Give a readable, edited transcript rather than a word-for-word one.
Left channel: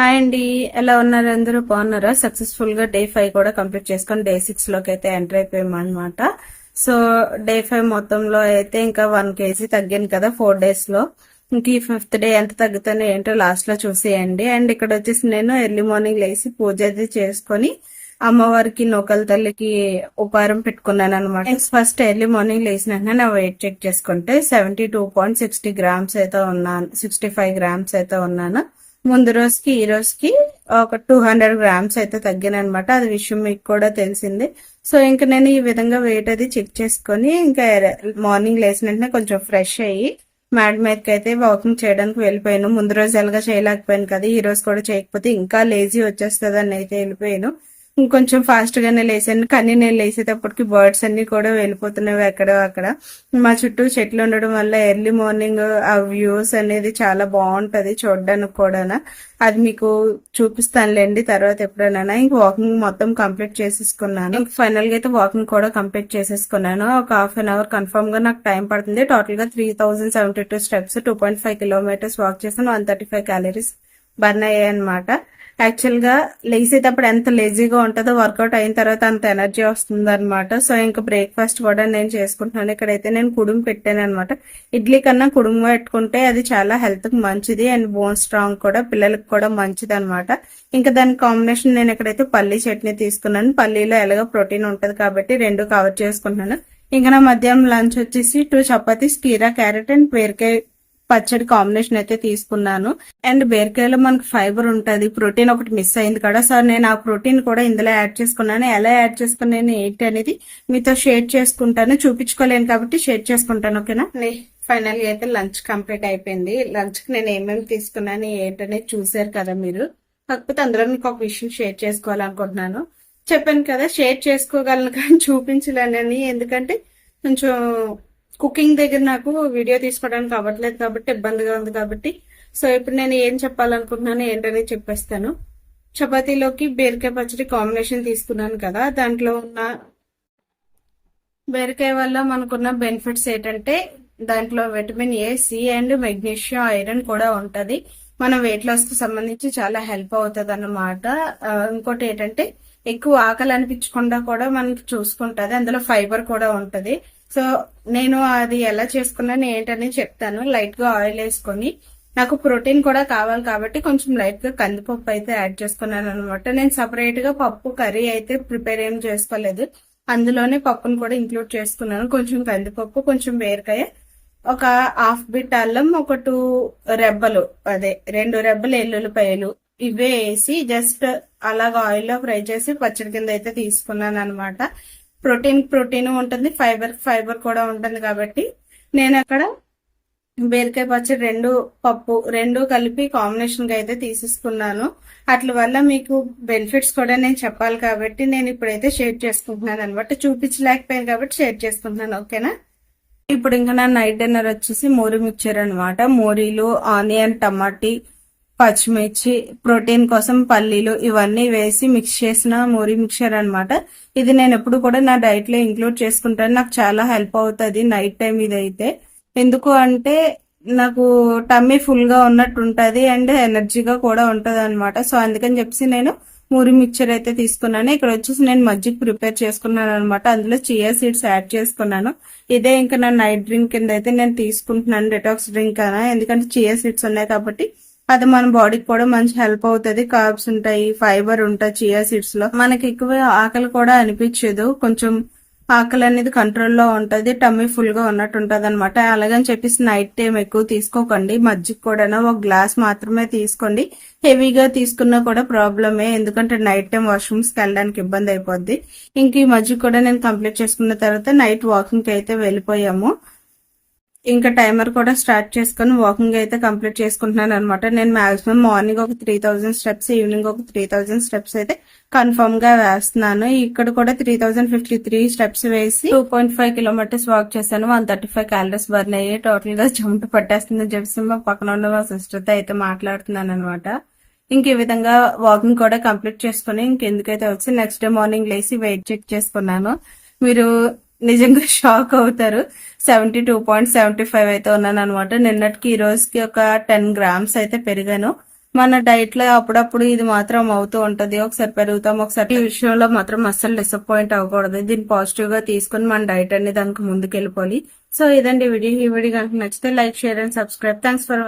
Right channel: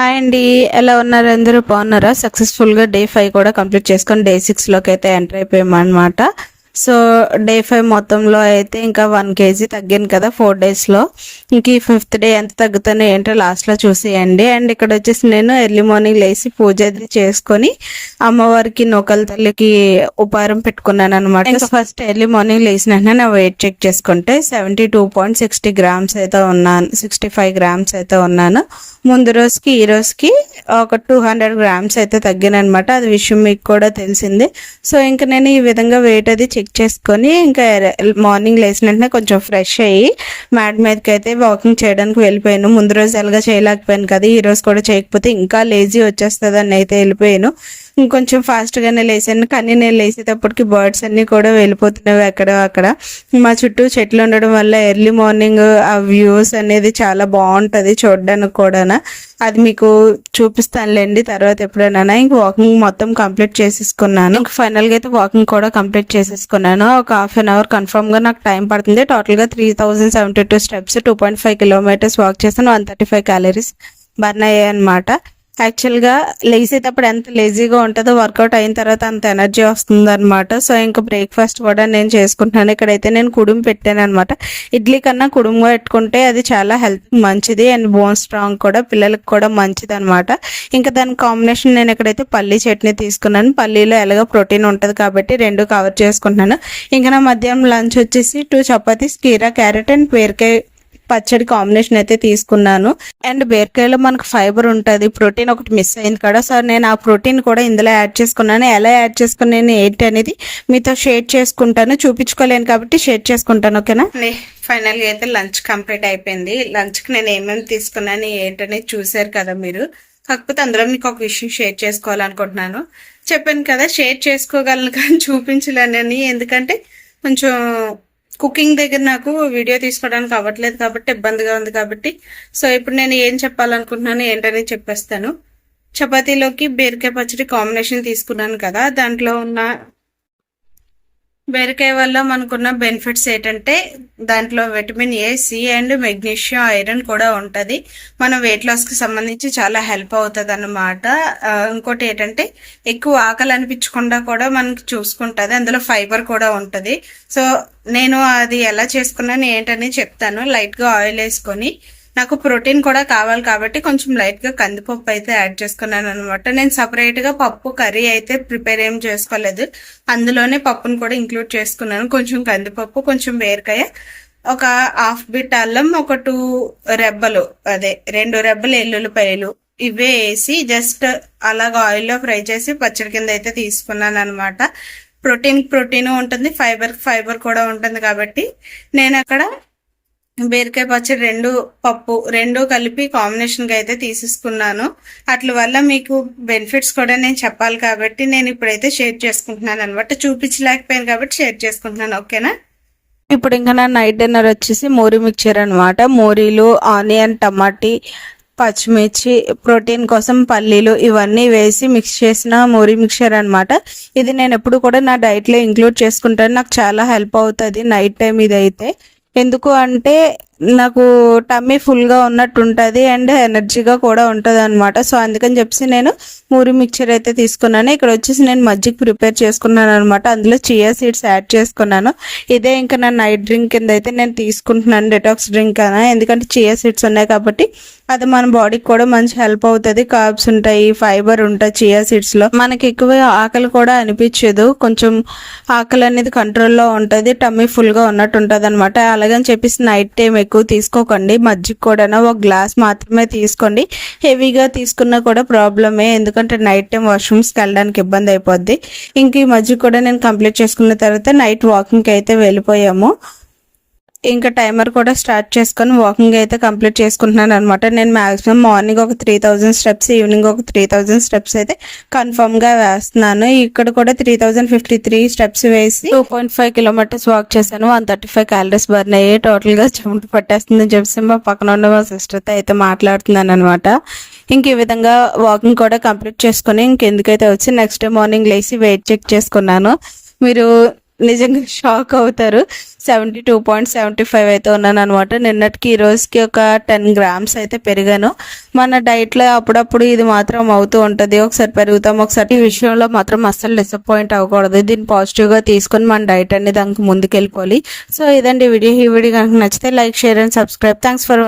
Hi అండి. ఎలా ఉన్నారు? అందరూ బాగున్నారా? సక్సెస్ఫుల్గా డే 5 కూడా కంప్లీట్ చేసుకొని డే 6లోకి అయితే ఎంటర్ అయిపోయామన్నమాట. సో డే 5 మొత్తంలో అయితే ఇంకా 1 kg తగ్గాను కదా 4 daysలో. ఇంక ఈ 5th డే ఎంత తగ్గుతానో ఏంటో లాస్ట్లో చూసేయండి. అండ్ ఇక్కడ వచ్చేసి నేను ఎర్లీ మార్నింగ్ లేచి పూజ అది చేసుకొని అమ్మవారికి నూకల తల్లికి ఉపహారం పెట్టుకున్నాను అనమాట. ఇంకా ఫస్ట్ ఎర్లీ మార్నింగ్ లేచిన వెంటనే నా వెయిట్ చెక్ చేసుకుంటే 72.60 grams అయితే ఉన్నాను, 65 grams అయితే ఉన్నాను. ముందు రోజుకి ఈ రోజుకి ఒక 200 grams అయితే తగ్గాను అనమాట. అది విషయం మీకు కూడా తెలిసిందే. సో ఇంకా నేను ఈ విధంగా వెయిట్ అది చెక్ చేసుకొని ఇంకా మార్నింగ్ లేచిన వెంటనే కొంచెం ఫ్రెష్ అయ్యి మ్యాట్ మీదకి అయితే వాకింగ్ చేయడానికి వెళ్ళిపోయాను. ముందు రోజు ఎలాగా చేయలేకపోయాను కదా, ఈ రోజు కూడా చేయకపోతే ఇంకా లేజీ వచ్చేస్తుంది అని అయితే వెళ్ళిపోయాను. ఇంకొంచెం ఫాస్ట్గానే లేసాను, కానీ నేను లేసేటప్పటికి బర్డ్స్ అన్నీ కూడా వెళ్ళిపోతున్నాయి అక్కడ. మా చుట్టూ చెట్లు ఉండడం వల్ల ఎర్లీ మార్నింగ్ ఆ వ్యూస్ అనేది చాలా బాగుంటుంది చూడడానికి కూడా. అది మీకు చూపిస్తానులేండి తర్వాత ఎప్పుడైనా. ఇంక వాకింగ్ మొత్తం కంప్లీట్ చేసేసుకున్నాను. ఇంక ఫైనల్గా అయితే వాకింగ్ కూడా కంప్లీట్ చేసేసుకున్నాను. ఒక హాఫ్ అన్ అవర్ కన్ఫర్మ్గా నాకు టైం పడుతుంది. టోటల్గా 3072 steps, 2.5 kilometers వాక్ చేశాను. 135 calories బర్న్ అయ్యాయి అనమాట. యాక్చువల్గా లేసేటప్పుడు ఎంత లేజీగా ఉంటుందో వర్కౌట్ అయిన తర్వాత అంత ఎనర్జీ వస్తుంది అనమాట. సో ఇంకా బ్రేక్ఫాస్ట్ కూడా నేను చేసుకుంటున్నాను. ఇక్కడైతే నేను కుడుము పెట్టాను అనమాట. ఇడ్లీ కన్నా కుడుము పెట్టుకుంటే అది చాలా హెల్త్కి మంచిది అండ్ బోన్ స్ట్రాంగ్ కూడా, పిల్లలకి కూడా మంచిది అనమాట. ఇంకా దాని కాంబినేషన్ నేను ఇక్కడైతే పల్లీ చట్నీ తీసుకున్నాను. పల్లీలో ఎలాగో ప్రోటీన్ ఉంటుంది కాబట్టి రెండు కవర్ చేసుకుంటున్నాను. ఇంకా నా మధ్యాహ్నం లంచ్ వచ్చేసి 2 చపాతీస్, కీరా, క్యారెట్ అండ్ బీరకాయ పచ్చడి కాంబినేషన్ అయితే తీసుకున్నాను. అండ్ బీరకాయలో మనకు ఫైబర్ ఉంటుంది, ప్రోటీన్ ఒకటి మిస్ అయింది కదా. సో నేను ఆ ప్రోటీన్ కూడా ఇందులో యాడ్ చేసుకున్నాను. ఎలా యాడ్ చేసుకున్నాను ఏంటి అనేది మీతో షేర్ చేసుకుంటాను. చూపించుకోలేను కాబట్టి షేర్ చేసుకుంటాను, ఓకేనా. ఫైనల్గా అయితే లంచ్ కంప్లీట్ అయిపోయింది. లంచ్కి నేను ఏమేమి తీసుకున్నాను ఏంటనేది చూసారు కదా మీరు. కాకపోతే అందులో మీకు ఒక విషయం షేర్ చేసుకోవాలనుకుంటున్నాను. చెప్పాను కదా షేర్ చేసుకోగలను కానీ చూపించలేనని, ఎందుకంటే కొంచెం కుకింగ్ దగ్గర నాకు వీడియో తీసుకోవడానికి అవ్వట్లేదు కాబట్టి ఇబ్బందిగా ఉంది కాబట్టి. సో ఇప్పుడు నేను ఏం చెప్పాలనుకుంటున్నాను ఏంటని చెప్పేస్తాను. చపాతీలోకి బీరకాయ పచ్చడి కాంబినేషన్ తీసుకున్నాను కదా, దాంట్లో ఉన్న బీరకాయ వల్ల మనకున్న బెనిఫిట్స్ ఏంటంటే దాంట్లో vitamin A, C and magnesium, iron కూడా ఉంటుంది. మన వెయిట్ లాస్కి సంబంధించి చాలా హెల్ప్ అవుతుంది అన్నమాట. ఇంకోటి ఏంటంటే ఎక్కువ ఆకలి అనిపించకుండా కూడా మనకి చూసుకుంటుంది. అందులో ఫైబర్ కూడా ఉంటుంది. సో నేను అది ఎలా చేసుకున్నాను ఏంటని చెప్తాను. లైట్గా ఆయిల్ వేసుకొని, నాకు ప్రోటీన్ కూడా కావాలి కాబట్టి కొంచెం లైట్గా కందిపప్పు అయితే యాడ్ చేసుకున్నాను అనమాట. నేను సపరేట్గా పప్పు కర్రీ అయితే ప్రిపేర్ ఏం చేసుకోలేదు, అందులోనే పప్పును కూడా ఇంక్లూడ్ చేసుకున్నాను. కొంచెం కందిపప్పు, కొంచెం బీరకాయ, ఒక హాఫ్ బిట్ అల్లం, ఒక 2 రెబ్బలు, 2 రెబ్బలు ఎల్లుల్లిపాయలు, ఇవే వేసి జస్ట్ అలాగ ఆయిల్లో ఫ్రై చేసి పచ్చడి కింద అయితే తీసుకున్నాను అనమాట. ప్రోటీన్ ఉంటుంది, ఫైబర్ కూడా ఉంటుంది కాబట్టి నేను అక్కడ బీరకాయ పచ్చడి పప్పు రెండు కలిపి కాంబినేషన్గా అయితే తీసేసుకున్నాను. అట్ల వల్ల మీకు బెనిఫిట్స్ కూడా నేను చెప్పాలి కాబట్టి నేను ఇప్పుడైతే షేర్ చేసుకుంటున్నాను అనమాట. చూపించలేకపోయాను కాబట్టి షేర్ చేసుకుంటున్నాను, ఓకేనా. ఇప్పుడు ఇంకా నా నైట్ డిన్నర్ వచ్చేసి మోరీ మిక్చర్ అనమాట. మోరీలు, ఆనియన్, టమాటీ, పచ్చిమిర్చి, ప్రోటీన్ కోసం పల్లీలు ఇవన్నీ వేసి మిక్స్ చేసిన మోరీ మిక్చర్ అనమాట. ఇది నేను ఎప్పుడు కూడా నా డైట్లో ఇంక్లూడ్ చేసుకుంటాను. నాకు చాలా హెల్ప్ అవుతుంది నైట్ టైం ఇదైతే. ఎందుకు అంటే నాకు టమ్మీ ఫుల్గా ఉన్నట్టు ఉంటుంది అండ్ ఎనర్జీగా కూడా ఉంటుంది అనమాట. సో అందుకని చెప్పేసి నేను మూరి మిక్చర్ అయితే తీసుకున్నాను. ఇక్కడ వచ్చేసి నేను మజ్జిగ ప్రిపేర్ చేసుకున్నాను అనమాట. అందులో చియా సీడ్స్ యాడ్ చేసుకున్నాను. ఇదే ఇంకా నా నైట్ డ్రింక్ కింద అయితే నేను తీసుకుంటున్నాను, డెటాక్స్ డ్రింక్ అనా. ఎందుకంటే చియా సీడ్స్ ఉన్నాయి కాబట్టి అది మన బాడీకి కూడా మంచి హెల్ప్ అవుతుంది. కార్బ్స్ ఉంటాయి, ఫైబర్ ఉంటాయి చియా సీడ్స్లో. మనకి ఎక్కువ ఆకలి కూడా అనిపించదు, కొంచెం ఆకలి అనేది కంట్రోల్లో ఉంటుంది, టమ్మీ ఫుల్గా ఉన్నట్టు ఉంటుంది అనమాట. అలాగని చెప్పేసి నైట్ టైం ఎక్కువ తీసుకోకండి. మజ్జిగ కూడా ఒక గ్లాస్ మాత్రమే తీసుకోండి. హెవీగా తీసుకున్నా కూడా ప్రాబ్లమే, ఎందుకంటే నైట్ టైం వాష్రూమ్స్కి వెళ్ళడానికి ఇబ్బంది అయిపోద్ది. ఇంక ఈ మజ్జిగ కూడా నేను కంప్లీట్ చేసుకున్న తర్వాత నైట్ వాకింగ్కి అయితే వెళ్ళిపోయాము. ఇంకా టైమర్ కూడా స్టార్ట్ చేసుకొని వాకింగ్ అయితే కంప్లీట్ చేసుకుంటున్నాను అనమాట. నేను మాక్సిమం మార్నింగ్ ఒక 3000 steps, ఈవినింగ్ ఒక 3000 steps అయితే కన్ఫర్మ్గా వేస్తున్నాను. ఇక్కడ కూడా 3053 steps వేసి 2.5 kilometers వాక్ చేశాను. 135 calories బర్న్ అయ్యి టోటల్గా చెమట పట్టేస్తుందని చెప్పి మా పక్కన ఉన్న మా సిస్టర్తో అయితే మాట్లాడుతున్నాను అనమాట. ఇంక ఈ విధంగా వాకింగ్ కూడా కంప్లీట్ చేసుకొని ఇంకెందుకైతే వచ్చి నెక్స్ట్ డే మార్నింగ్ లేచి వెయిట్ చెక్ చేసుకున్నాను. మీరు నిజంగా షాక్ అవుతారు. 72.75 అయితే ఉన్నాను అనమాట. నిన్నటికి ఈ రోజుకి ఒక 10 గ్రామ్స్ అయితే పెరిగాను. మన డైట్లో అప్పుడప్పుడు ఇది మాత్రం అవుతూ ఉంటుంది. ఒకసారి పెరుగుతాం, ఒకసారి ఈ విషయంలో మాత్రం అస్సలు డిసప్పాయింట్ అవ్వకూడదు. దీన్ని పాజిటివ్గా తీసుకొని మన డైట్ అనేది దానికి ముందుకెళ్ళిపోవాలి. సో ఇదండి వీడియో. ఈ వీడియో కనుక నచ్చితే like, share and subscribe. Thanks for